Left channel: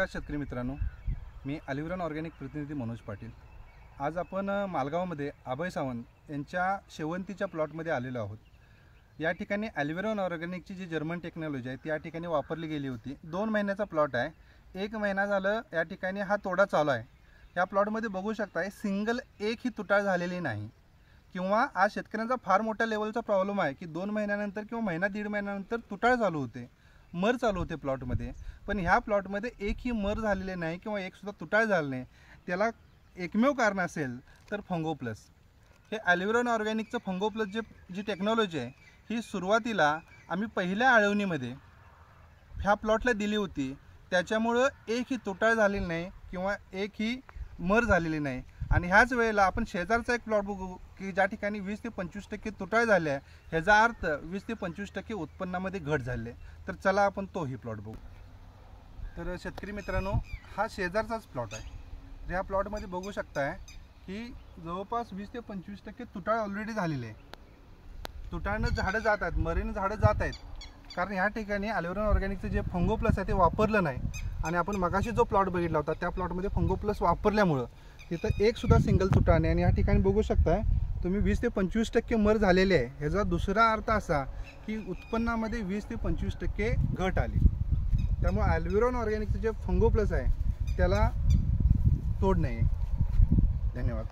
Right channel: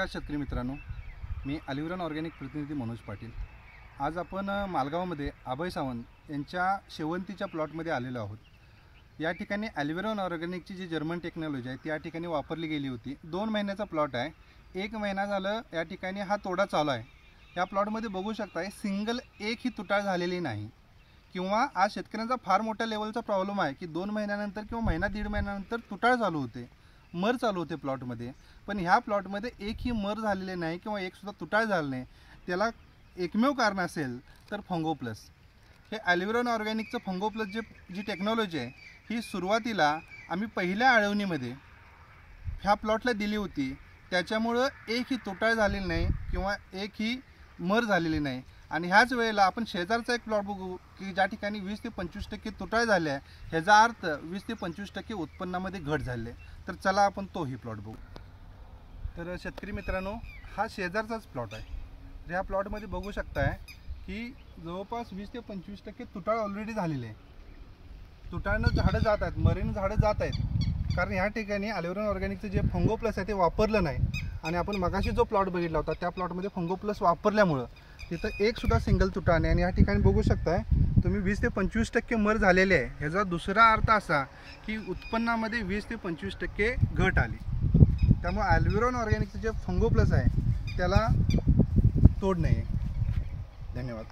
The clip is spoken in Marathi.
नमस्कार शेतकरी मित्रांनो, मी अलिव्हरॉन ऑर्गॅनिक प्रतिनिधी मनोज पाटील। आज आपण मालगावमध्ये अभय सावंत यांच्या शेवंतीच्या प्लॉटमध्ये आलेलो आहोत। या ठिकाणी अलिव्हरॉन ऑर्गॅनिकची जी जर्मन टेक्नॉलॉजी आहे ती या ठिकाणी वापरली गेली होती। 2 महिन्याचा प्लॉट आहे, 1 महिना झालं या ठिकाणी हा तोडा चालू आहे। या प्लॉटमध्ये बघू शकता सिंगल एक ही तुटाळ झालेली नाही किंवा आज शेतकऱ्यांचा फार मोठ्या लेवलचा प्रॉब्लेम आहे की 2 महिन्यानंतर किंवा महिना दीड महिन्यानंतर तुटाळ चालू होते, मर चालू होते प्लॉटमध्ये। पण ह्या प्लॉटमध्ये एकही मर झालेले नाही किंवा एक सुद्धा तुटाळ झाले नाही। त्याला एकमेव कारण असेल तर फंगो प्लस। हे अलिव्हरॉन ऑर्गॅनिकचं फंगो प्लस जी टेक्नॉलॉजी आहे ही सुरुवातीला आम्ही पहिल्या आळवणीमध्ये ह्या प्लॉटला दिली होती। त्याच्यामुळं एकही तुटाळ झालेली नाही किंवा एकही मर झालेली नाही। आणि ह्याच वेळेला आपण शेजारचा एक प्लॉट बघू की ज्या ठिकाणी 20 ते 25% तुटाळ झाले आहे, ह्याचा अर्थ 20 ते 25% उत्पन्नामध्ये घट झाली। तर चला आपण तोही प्लॉट बघू। तर शेतकरी मित्रांनो, हा शेजारचाच प्लॉट आहे। ह्या प्लॉटमध्ये बघू शकताय की जवळपास 20 ते 25% तुटाळ ऑलरेडी झालेले आहे। तुटाळनं झाडं जात आहेत, मरेनं झाडं जात आहेत, कारण ह्या ठिकाणी अलिव्हरॉन ऑर्गॅनिकचं जे फंगो प्लस आहे ते वापरलं नाही। आणि आपण मगाशी जो प्लॉट बघितला होता त्या प्लॉटमध्ये फंगो प्लस वापरल्यामुळं तिथं एक सुद्धा सिंगल तुटाळ नाही। आणि या ठिकाणी बघू शकताय तुम्ही 20 ते 25% मर झालेले आहे। ह्याचा दुसरा अर्थ असा की उत्पन्नामध्ये 20 ते 25% घट आली। त्यामुळे अलिव्हरॉन ऑर्गॅनिकचं जे फंगो प्लस आहे त्याला तोड नाही। धन्यवाद।